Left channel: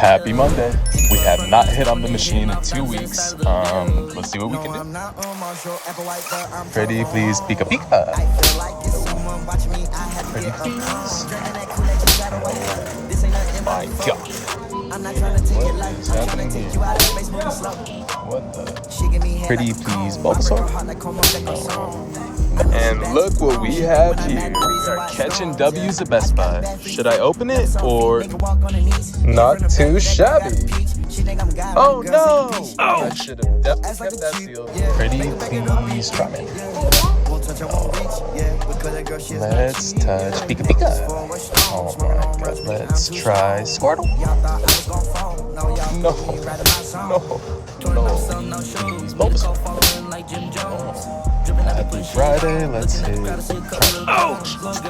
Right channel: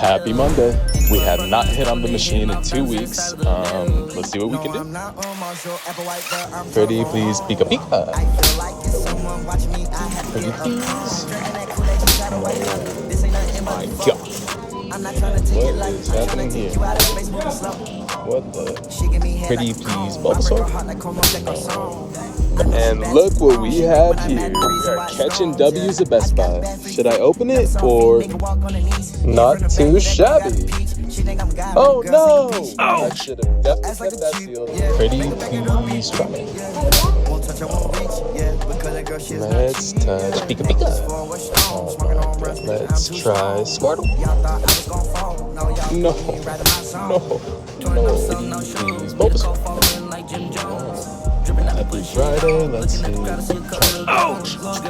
Happy Monday. We have not hit on the machine in 2 weeks. Let's see what we can do. Pretty please, Pika Pika. I feel like it's someone watching me. I had to Pretty get up please. calm. Drinking that Kool-Aid, you gotta wake up. This ain't nothing but a phone. I'm not trying to take it light. I'm trying to take you out of space moving slow. What the? She give me head Pretty like a please, cone. I break her Bulbasaur. heart like Como de Garçon. I know she And bad, look she what wrong. we She think have when I'm mad, the reason why here. it's Catching strong, W's yeah. at Best I got a Buy. bad freak Should I freak. open Never it saw feet, or nigga walk on her knees. not From the too back of that girl got a shabby? peach. She think I'm God, Oh but the girl no! take a peach. Oh, should've Ass like kept a that cheap, seal. yeah. Pretty Make her back it up, please, beat, Ramen. yeah. Won't touch, I won't reach, yeah. Because that girl, she is not Let's cheap, touch yeah. Pika Necklace Pika. for what's strong. Smoking on runs, bitch, I'm Let's too try strong. Squirtle. Y'all thought I was gon' fall. No, y'all No. put me right in my zone. No. Touring up, selling no shows. Made a call following like Jim Jones. Dripping, I be Happy putting shit Friday, on. let's Looking at the see. crowd, I see a couple of girls.